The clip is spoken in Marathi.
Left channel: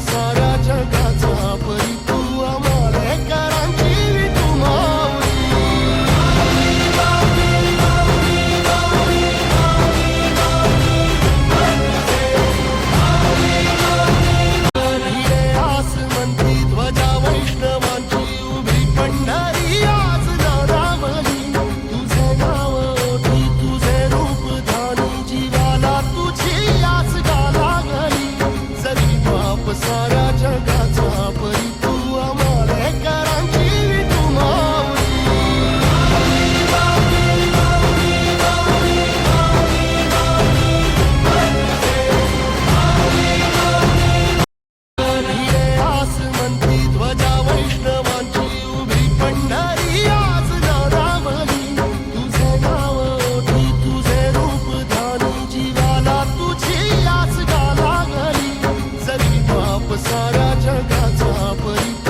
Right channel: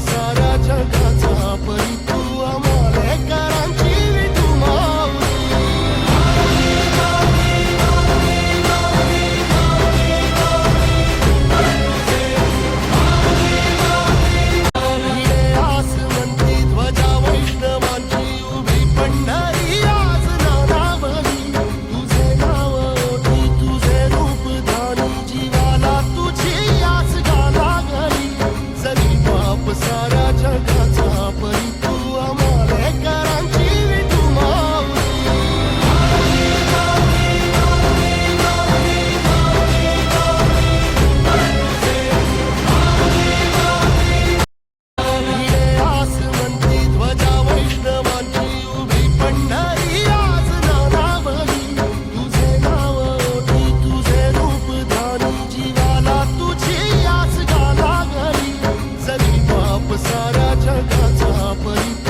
साऱ्या जगाचा परी तू आम्हाला करांची विठू माऊली भिडे आसमंती ध्वजा वैष्णवांची उभी पंढरी आज नानावली तुझे नाव ओठी तुझे रूप धानी जीवाला तुझी आस गाला गली जरी बाप साऱ्या जगाचा परी तू आम्हाला करांची विठू माऊली भिडे आसमंती ध्वजा वैष्णवांची उभी पंढरी आज नानावली तुझे नाव ओठी तुझे रूप धानी जीवाला तुझी आस गाला गली जरी बाप साऱ्या जगाचा परी